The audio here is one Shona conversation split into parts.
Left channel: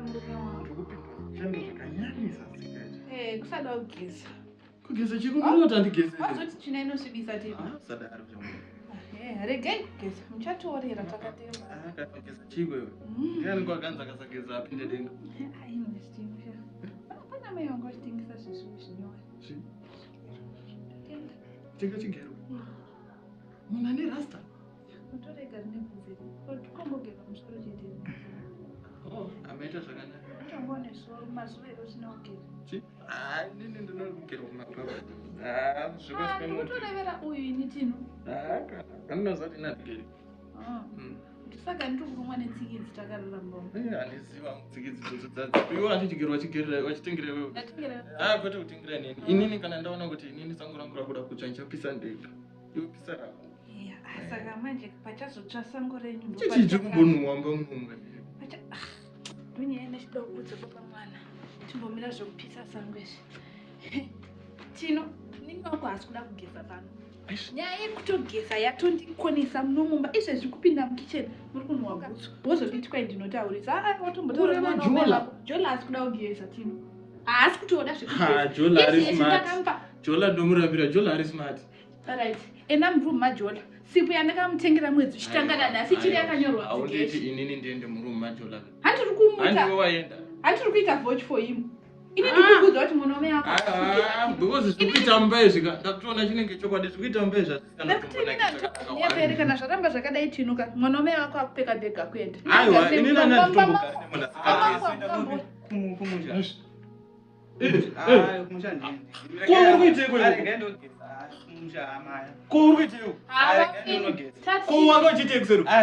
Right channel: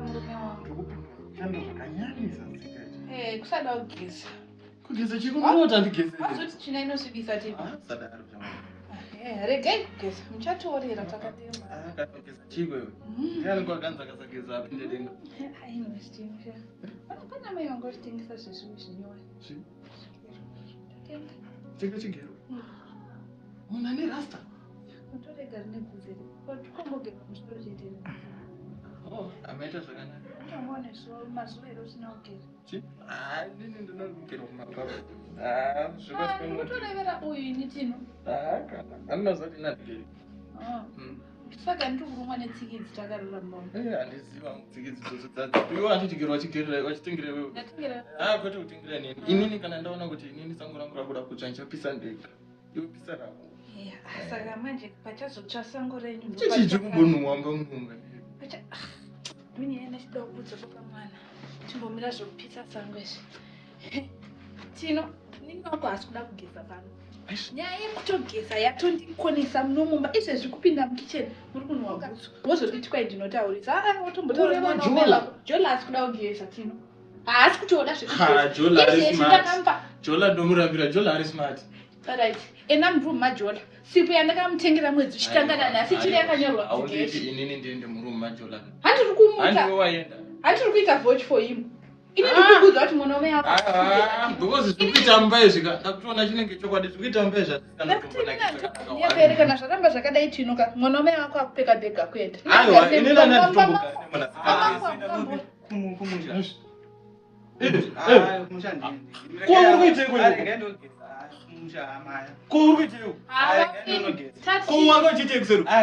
murume wangu. Shando zvakanyanyisa sikete. Kusada kugeza. Kugeza chiko munota ndigeza. Azoti china inosvibisa tiri. Sadaro. Regai kugeza. Muchatorera takatema. Kugeza chiko iwe. Ndiani kwakanza kasageza apinde denga. Ainostimsha. Pana mai wangu achitengesa zvezvimwe zvinyowani. Tenga chigero. Munhu ane rasta. Utorega rine bvudzi. Kwambogeza musoro chete. Amaita zvakanaka. Ndamone mazuva ero usina kugeza. Nini ndinogera kumababa. Zvikoswa mutorevera uyu ini tino. Anozati nadigeri. Saka ndikurumwa netsikidzi takararamba. Handiziva tsikidzi dzodzadzi. Iwo andichigerwa chigerera wachitengera wewe. Ndatengera. Kwete kutengera nini. Inini kana ndaona kuti inini sango rangu rakuda kutsva ndichapisa ndenga. Ndopisa rako. Saka manje pachazotsva sango renyu. Chichi kumbonhuwamba munhunga. Munyaya chida kubudza pakamwana. Timbomira zvekupisa sango izvi. Tino, ninoko hasi kuda kugeza pano. Nyaya yekutogeza yatondikonesa munomumba izvezvi kupinda mukicheni muri kunhuwa bhutsu wozonditi kwai ndinotaurisa watombotaura Jola hasi kuda kugeza Tino haasi kutoda zvekugezaizvezvi Jola ndomurambira Jola ari smart. Alright, ena murume maJola sipo yandakamutengera mwedzi uchitangana nhasi chiri yakanyorwa auditi inini ndiende murume maJola. Handiri kumuta Handiwe waenda. handiri kuita vote for him. Ini ndikukuudza kuti mwanaume wako because zvikuita mumba izvi ndakutoona chinenge chokwadi zvikuita mumba izvi Nyeperi kana zvaramba zvakadai Tinoka mwanaume wako akupfeka bhega kuenda. Aiwa inini anatitomboka kumunja.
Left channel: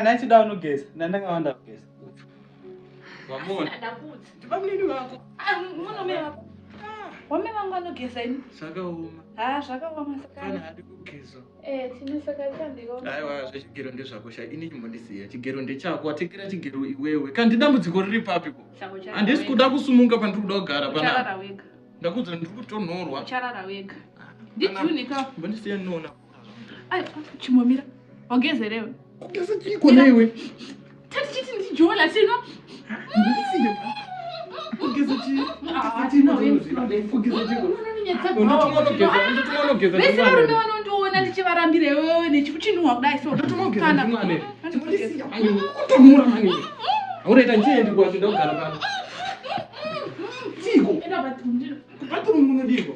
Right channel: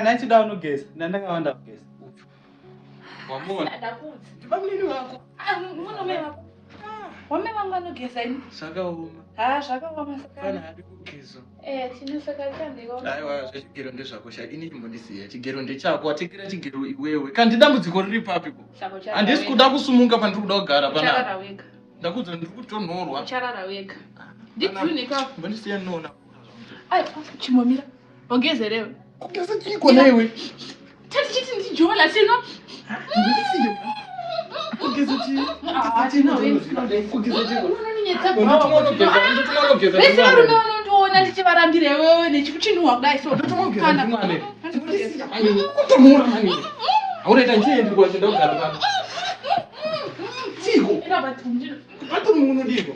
Nachida unogeza ndandakawanda kugeza. Wamona Ndakudzi mwanaume wako wame vangu vanogeza ini zvakaoma zvakaoma kana hadi kugeza. Tino saka ndikaona Aiwa zvechigero ndezvakosha ini chimbondisiya chigero ndechako watekera chigero iwewe kandi dambudziko riri papiko handisi kuda kusumunga pandiri kuda kugara Ucharara wega. ndakudza ndiri kutonhorwa Ucharara wega. mbondisiya nona Chimomira wagezerewe kugeza chiko naiwe tati chiti ndiJola Tino kugeza vese varume vanondiona ndichivarambire wewe nechikuchinhuwa kudai kutonhora mani auraita ndiende kwazvinda kugara pano chiko atori munodiko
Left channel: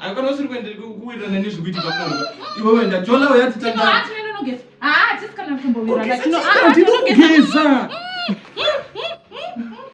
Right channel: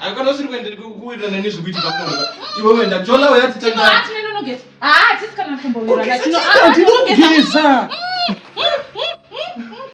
akana usiri kuendera kuwirirana nezvekuitika kunomuka iwe wenda Jola uyatitanga tinogeza tisikana kumbowirana ndinogeza